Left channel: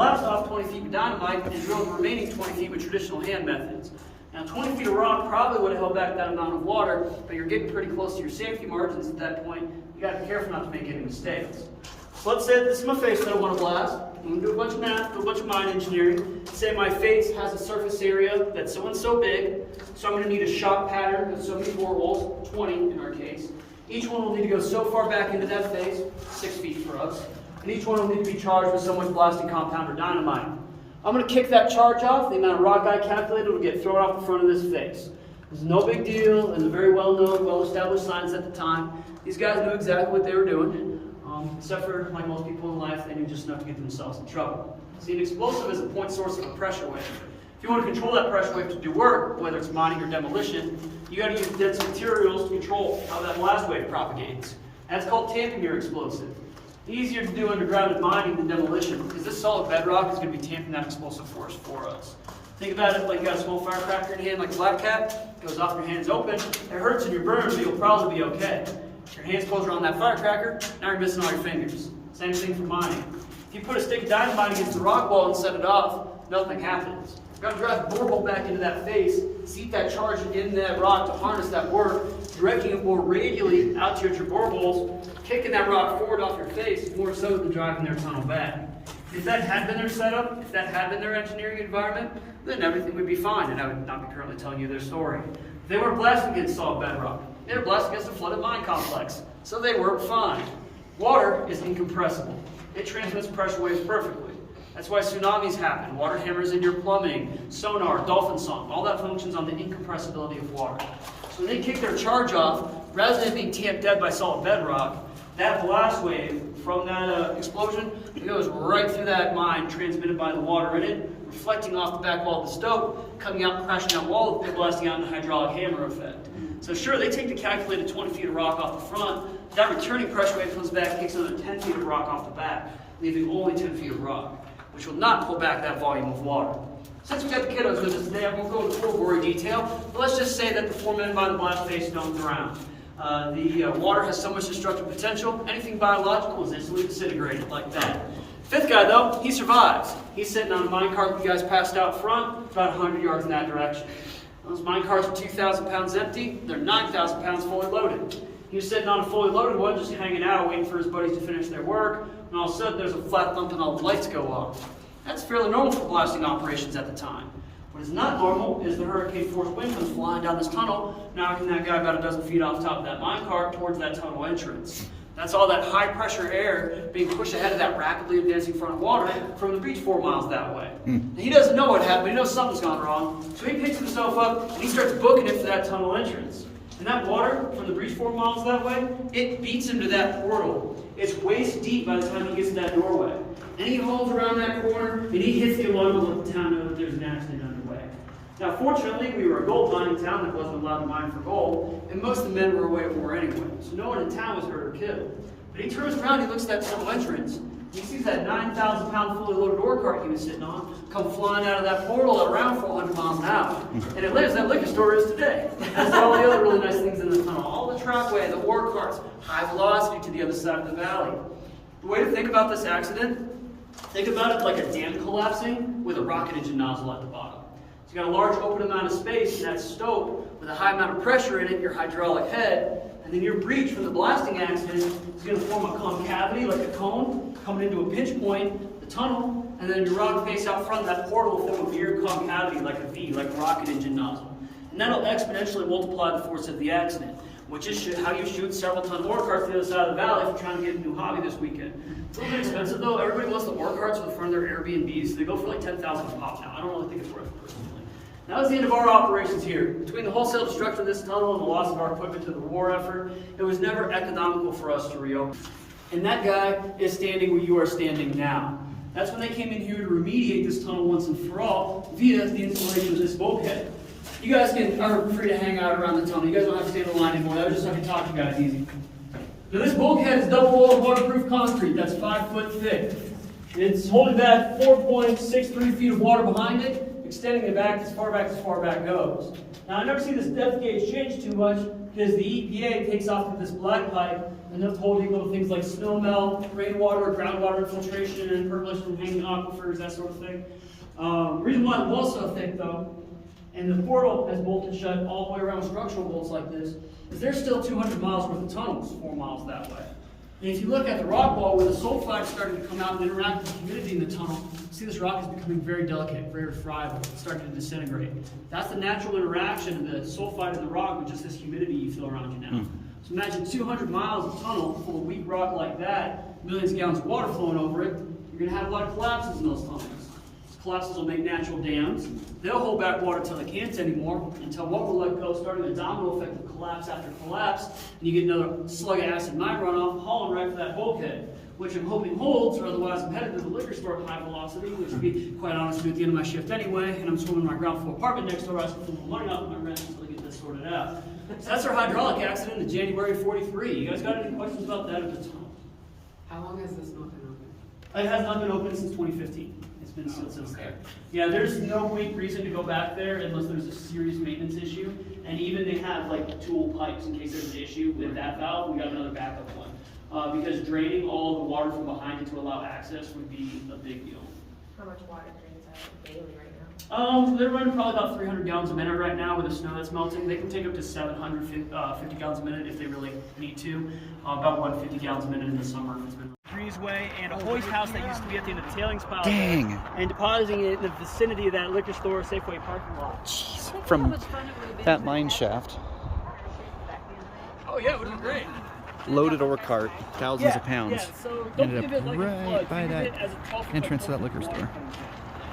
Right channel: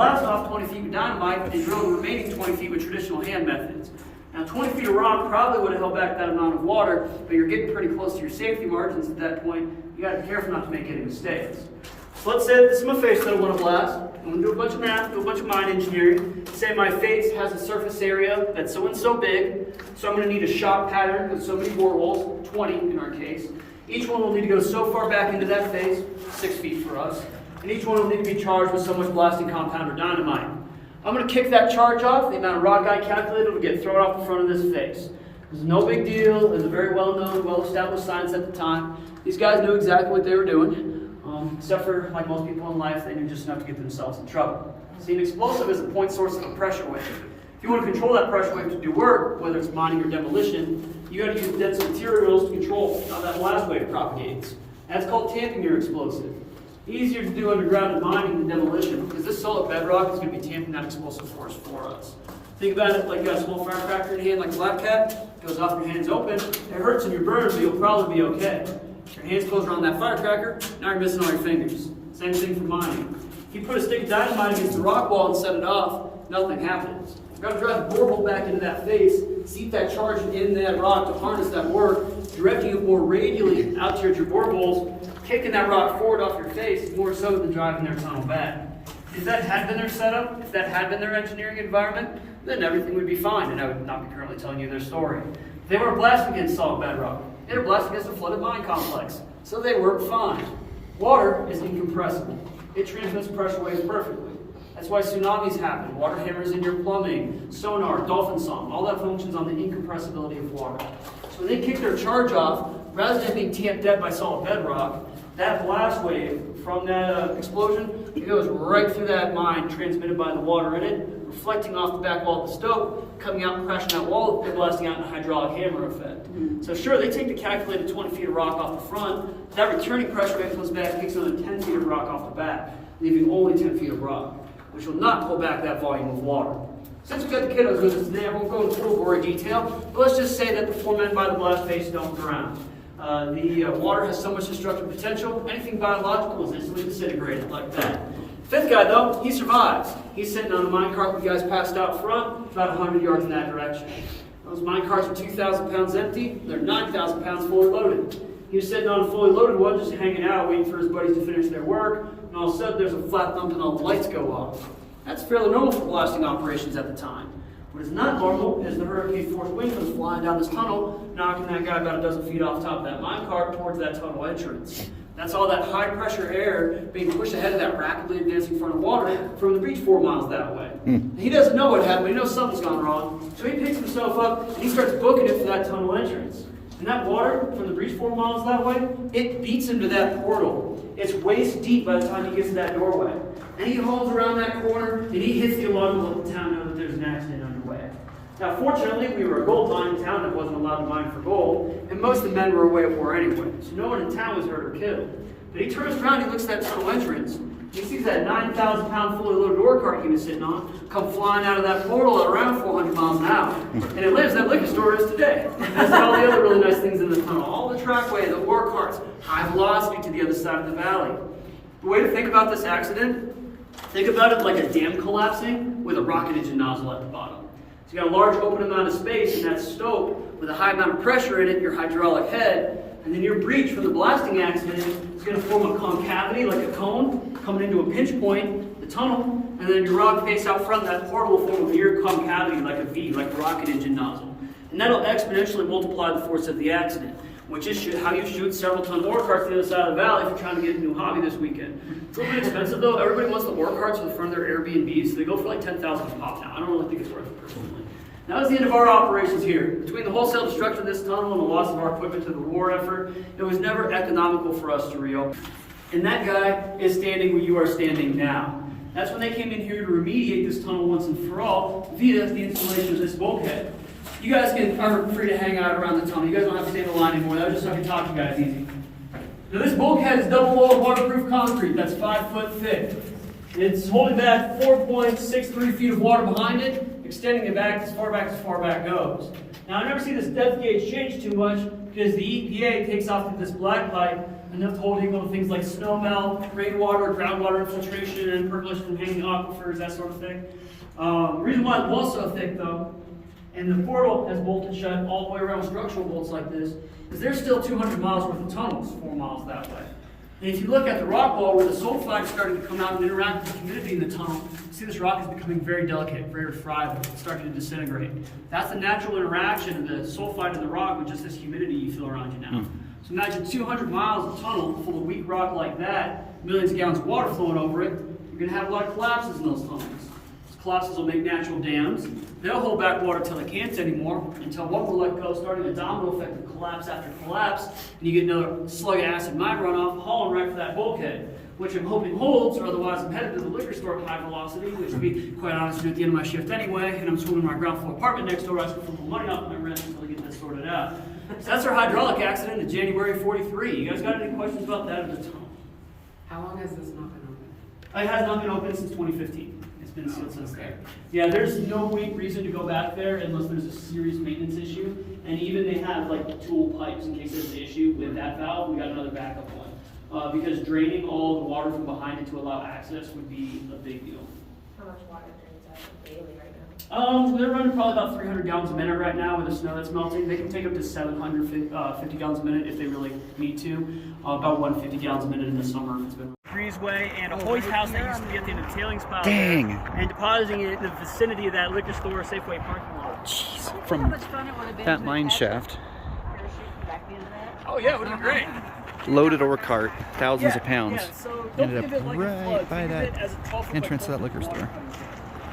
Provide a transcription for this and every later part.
blast off 20 feet with dynamite and drill the remaining 20 feet with traditional hand methods. Now 20 feet of rock probably would have held back that amount of water, but you're getting pretty close to your safety margins at that point. You got to be careful not to make any mistakes. So let's say this is my face that I want to blast. I'm going to do a bunch of math, do a bunch of mine engineering. Say my face has a surface area that's so and so big, so I'm going to need a shot pattern with so many boreholes, 20 in our case. Each one will need to go so far back into that face, 6 feet for us, and each one will need to be charged with so much blasting compound or dynamite. I'm going to kick that charge off. The amount of rock I calculated will get thrown off the front of this face. This is no big deal. It's a very well-known, well-established science at the time. These guys knew exactly what they were doing. Except for, like most people in life, they knew just enough to get themselves in trouble. See, an explosive is a point source of a pressure wave. If you want to control that pressure wave to do work, whether it's mining or demolition, you got to use dense materials to control how that blast wave propagates. That's called tamping your explosive. Easier to do underground in mining than demolition, because this solid bedrock is going to be tamping that explosive force for us. Think about it like you got a small firecracker in your hand like a black cat, it goes off your hands open, it hurts and you burn, but you'll probably be okay. If your hands close around that firecracker, now you're missing all your fingers. Same thing for mining. If you put a stick of dynamite against the rock wall and set it off, nothing happens. You've got to drive the borehole back into that face, seep that charge in that rock to harness that work, directing it more radially out towards your boreholes, kicking that rock forward off your face more so than driving their tunnel back. If that had been their setup, if that had been their engineering environment, then everything would be fine, and I would not be currently telling you their story. They weren't blasting against solid bedrock. They were blasting against a flooded mine complex, so they worked fine. Water is incompressible. It transmits pressure waves perfectly. That's why tsunamis happen. Water hammers in your plumbing, sonar, dolphin song, all that functions on the incompressibility of water. So when they kick their charge off, rather than being tamped dead by solid bedrock, that blast wave from that explosion, it goes right through that mine, transmitted by the water in it, reflecting off the back wall of the stope, coming out and crashing that wall, they're blasting out in a hydraulic hammer effect. So sure, they take the calculated 20 feet of rock off the front, that returning pressure wave comes back and kicks another 10 feet of rock off the back, leaving only 10 feet of rock, which will not pull back that volume of water. Since we've got the kiddos with us today, I won't go into full gory detail, but let's just say that the 4 men by the blast face don't drown. The water has so much destructive potential, anything biological is instantly disintegrated like that. Fifth guy, though, he survives. He's sitting on a minecart with you guys passed out front, about 100 yards in that direction. Those minecarts are 2,000 pounds empty, they're 9,000 pounds fully loaded. He was sitting on a fully loaded one, just hanging out, waiting for his buddies to finish their work, and all of a sudden there's a flat thump and all the lights go off. That's fairly normal for blasting operations at the time. What is not normal is the hurricane force wind comes flying down this tunnel, knocking that guy about a dozen feet off top of that minecart towards that tunnel entrance. That's all that high pressure air being pushed ahead of that rapidly advancing front of water from the beach 4 miles that way. And he doesn't know what happened, he knows something's gone wrong, so he picks himself up and he starts booking it for that tunnel entrance. And that water from the breach 4 miles that way, it beats him to that portal. It's waist deep by the time he gets to that doorway. And he hauls around that corner and he hits the alarm of the town that there's an accident underway. Now fortunately, we were a gold mining town that wasn't allowed to mine for gold, and most of the men were away at war anyway, so no one in town was hurt or killed. But he turns around, he looks at that tunnel entrance, and he sees that 9,000 pound fully loaded ore cart he was sitting on come flying out of that portal at around 400 miles an hour. And it lives, that liquor store is today. As all the other really nice things in the tunnel, all the trackway, the ore carts, high velocity to the other side of the valley. The way to think about this accident, think about it like a dam collapsing with a rocket engine nozzle at the bottom. So you got a large open amount of space in that stope with a high amount of pressure in it, your hydraulic head, and then your breach from the blasting accident is going to form a concavity like a cone coming into a pinch point, the tunnel, and then your rock face out front, that portal will form a mirror concavity like a V, like a rocket engine nozzle. And that'll exponentially multiply the force of the accident, which is how you shoot several ton ore carts to the other side of the valley if you're trying to get a new hobby this weekend. It's a little bit expensive though. Everybody wants the ore carts for the front of their Airbnbs, so they go for like $10,000 a pop now. I don't really think it's worth it personally. Now is the end of our operations here. Between the wholesale destruction of this tunnel and the loss of our equipment to the war effort, it was never economical for us to reopen. And that guy is standing where you are standing now. That's when they came in here to remediate this tunnel once and for all via the installation of this bulkhead. You guys are free to hang out around the tunnel. You guys don't have to stay in the line anymore. That was just how we talk to you guys easy. Now this bulkhead is double-walled waterproof concrete. That's 5 foot thick. It's holding back 4.63 feet of water behind it. extending it back as far back goes. Now, I never see this depth gauge change too much because the EPA takes off with this black light enough to hold equal to things like snow melt, rainwater, groundwater infiltration, and percolation from hanging aquifers, that sort of thing. The reason why the wall's so thick, though, and the portal has bolted shut all the way around structural bolts like this, is there's still 200 miles worth of tunnels, 4 miles that way. And if you look at the rock wall where the sulfide is starting to come out and interact with the humidity in the tunnel, you see this rock is becoming very delicate, very friable. It's starting to disintegrate. That's the natural interaction of the sulfide in the rock with just this humidity you feel around you now. So imagine 200 miles of tunnel full of weak rock like that, millions of gallons of water flowing over it. You're going to have a lot of collapses in those tunnels. Those collapses will make natural dams. They'll hold back water until they can't anymore, until what will let go, starting a domino effect of collapse after collapse, and you get another slug of acid mine runoff hauling right for that bulkhead, which I'm hoping holds, or otherwise I'm headed to the liquor store at high velocity, which, to be quite honest, do at the end of my shift anyway, and I'm swimming in my ground floor apartment next door, I just get a little money off my rent until I get this sorted out. So that's our hydraulic accident in January '43. You guys got any questions about that at the tunnel? How long has this not been open? It has not been open since 2015. It's been sealed since then. Yeah, there's no reason to go back there unless there's a serious maintenance issue. And even they have like tool pipes in case there's an issue with that valve. We got another backup one. Because draining all the water from behind it to allow access would be a big deal. How much water drains out daily right now? They're running probably about 300 gallons a minute right now with the snow that's melting. They can take up to 750 gallons a minute if they really need to. About 150 gallons a minute in the summer. Breezeway and a hoist house that used to be at the end of the tailings pile. Dang. And depositing it in the vicinity of that liquor store, Safeway parking lot. Jeez. From that mine shaft. Oh yeah, it would be great. Loaded ore cart, thousands of pounds. Yeah, so Ended think up of it like right by think of that it as a tough entrance to that like liquor store.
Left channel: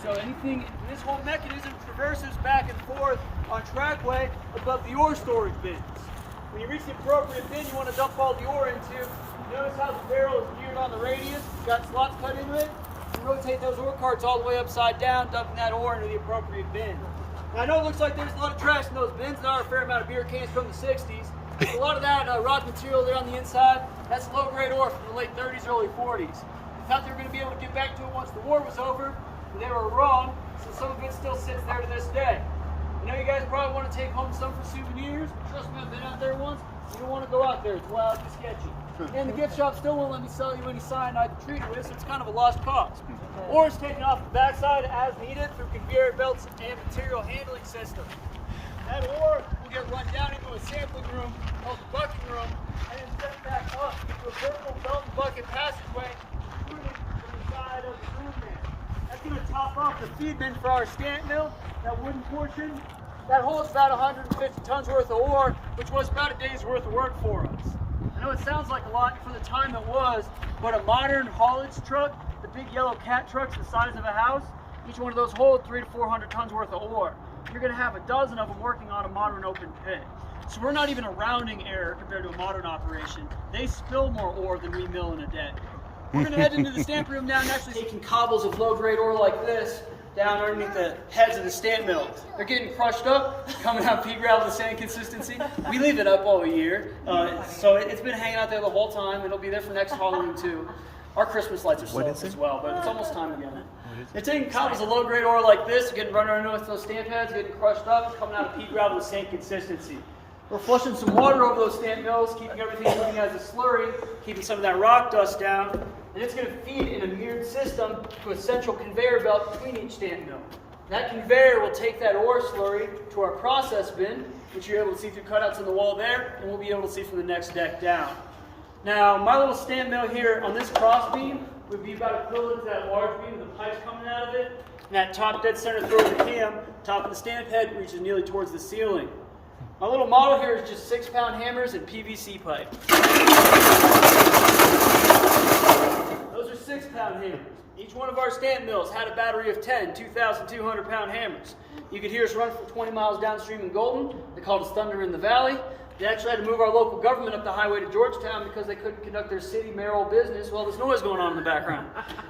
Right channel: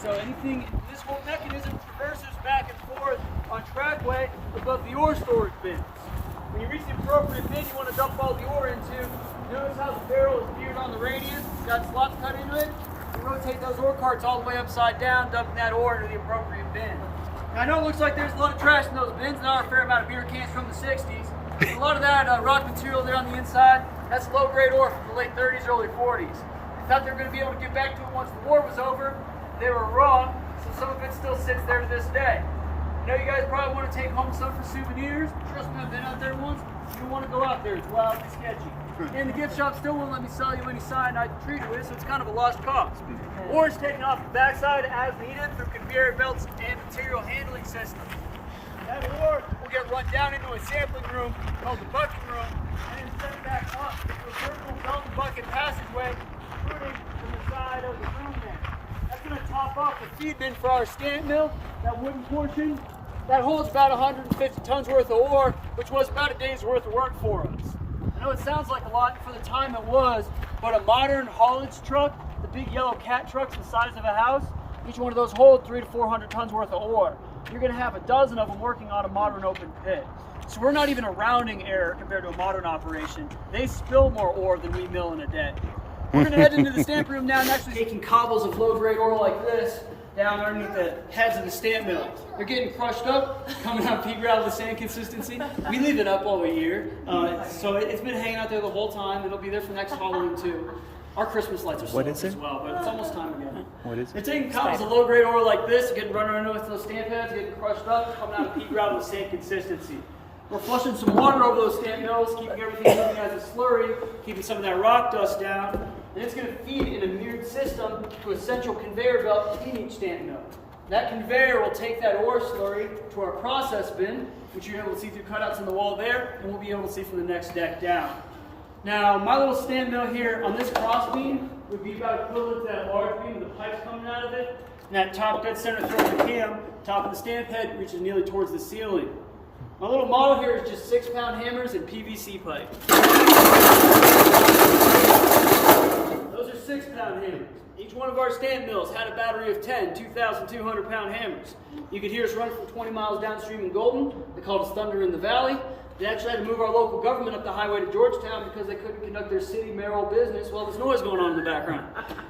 So anything, this whole mechanism traverses back and forth on trackway above the ore storage bins. When you reach the appropriate bin you want to dump all the ore into, notice how the barrel is geared on the radius, it's got slots cut into it. You rotate those ore carts all the way upside down, dumping that ore into the appropriate bin. Now I know it looks like there's a lot of trash in those bins, there are a fair amount of beer cans from the 60s. A lot of that rock material there on the inside, that's low-grade ore from the late 30s, early 40s. I thought they were going to be able to get back to it once the war was over. They were wrong, so some of it still sits there to this day. You know, you guys probably want to take home some for souvenirs. Trust me, I've been out there once. You want to go out there, it's wild and sketchy. And the gift shop still won't let me sell you any cyanide to treat it with, so it's kind of a lost cause. Ore is taken off the backside as needed through conveyor belts and material handling systems. That ore will get run down into a sampling room called the bucking room, and then sent back up to a vertical belt and bucket passageway, including from the side of the room there. That's going to top off the feed bin for our stamp mill, that wooden portion. That holds about 150 tons worth of ore, which was about a day's worth of work for us. I know it sounds like a lot for the time it was, but a modern haulage truck, the big yellow cat trucks the size of a house, each one of those hold 300 to 400 tons worth of ore. You're going to have a dozen of them working on a modern open pit. So we're not even a rounding error compared to a modern operation. They spill more ore than we mill in a day. We're going to head into the stamp room now and actually taking cobbles of low-grade ore like this down underneath the heads of the stamp mill. They're getting crushed up, coming out pea gravel the same consistency. We leave it up all year, so it's been hanging out there the whole time. It'll be there for next Halloween too. Our Christmas lights are sold as well, but it's almost time again. What is it? They're taking cobbles of low-grade ore like this, getting run underneath those stamp heads, getting crushed up, coming out of pea gravel the same consistency. We're flushing some water over those stamp mills, keeping everything moving as a slurry, keeping some of that rock dust down, and it's going to feed in a mirrored system to a central conveyor belt in each stamp mill. That conveyor will take that ore slurry to our process bin, which you're able to see through cutouts in the wall there, and we'll be able to see from the next deck down. Now, my little stamp mill here on this cross beam would be about equivalent to that large beam with the pipes coming out of it. And that top dead center throw of the cam, top of the stamp head, reaches nearly towards the ceiling. My little model here is just 6-pound hammers and PVC pipe. Those are 6-pound hammers. Each one of our stamp mills had a battery of 10 2,200-pound hammers. You could hear us run for 20 miles downstream in Golden. They called us Thunder in the Valley. They actually had to move our local government up the highway to Georgetown because they couldn't conduct their city mayoral business while there's noise going on in the background.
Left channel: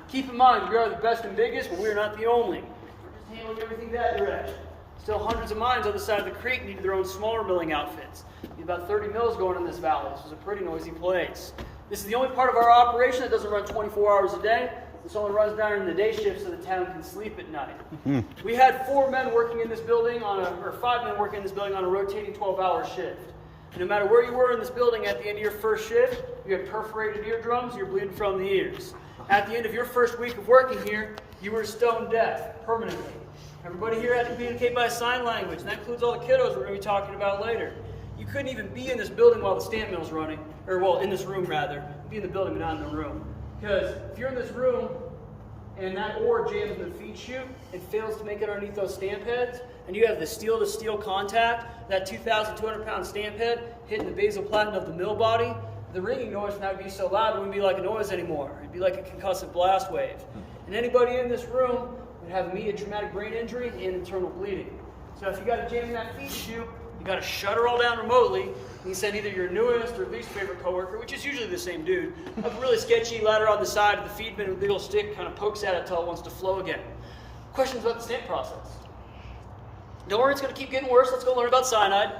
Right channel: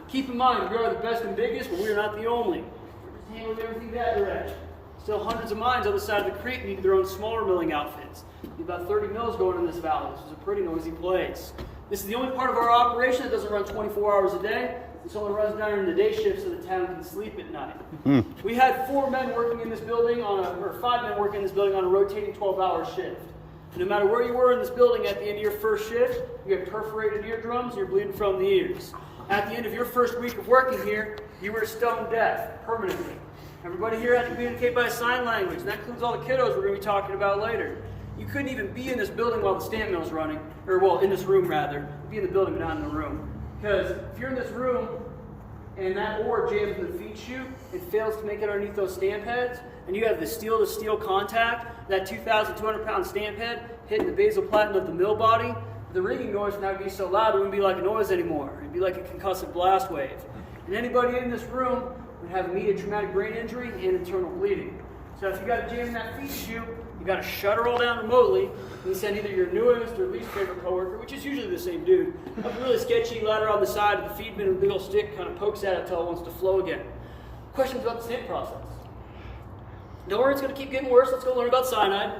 Keep in mind, we are the best and biggest, but we're not the only. We're just handling everything that direction. Still, hundreds of mines on the side of the creek needed their own smaller milling outfits. We have about 30 mills going in this valley. This is a pretty noisy place. This is the only part of our operation that doesn't run 24 hours a day. It only runs down in the day shift so the town can sleep at night. We had 4 men working in this building or 5 men working in this building on a rotating 12-hour shift. And no matter where you were in this building at the end of your first shift, you had perforated eardrums, you're bleeding from the ears. At the end of your first week of working here, you were stone deaf permanently. Everybody here had to communicate by sign language, and that includes all the kiddos we're going to be talking about later. You couldn't even be in this building while the stamp mill's running, or well, in this room rather. Be in the building but not in the room. Because if you're in this room and that ore jams in the feed chute, it fails to make it underneath those stamp heads, and you have the steel-to-steel contact, that 2,200-pound stamp head hitting the basal platen of the mill body, the ringing noise from that would be so loud it wouldn't be like a noise anymore. It'd be like a concussive blast wave. And anybody in this room would have immediate traumatic brain injury and internal bleeding. So if you got a jam in that feed chute, you got to shut her all down remotely. You send either your newest or least favorite coworker, which is usually the same dude, up a really sketchy ladder on the side of the feed bin with a big old stick, kind of pokes at it until it wants to flow again. Questions about the stamp process? Don't worry, it's going to keep getting worse. Let's go learn about cyanide.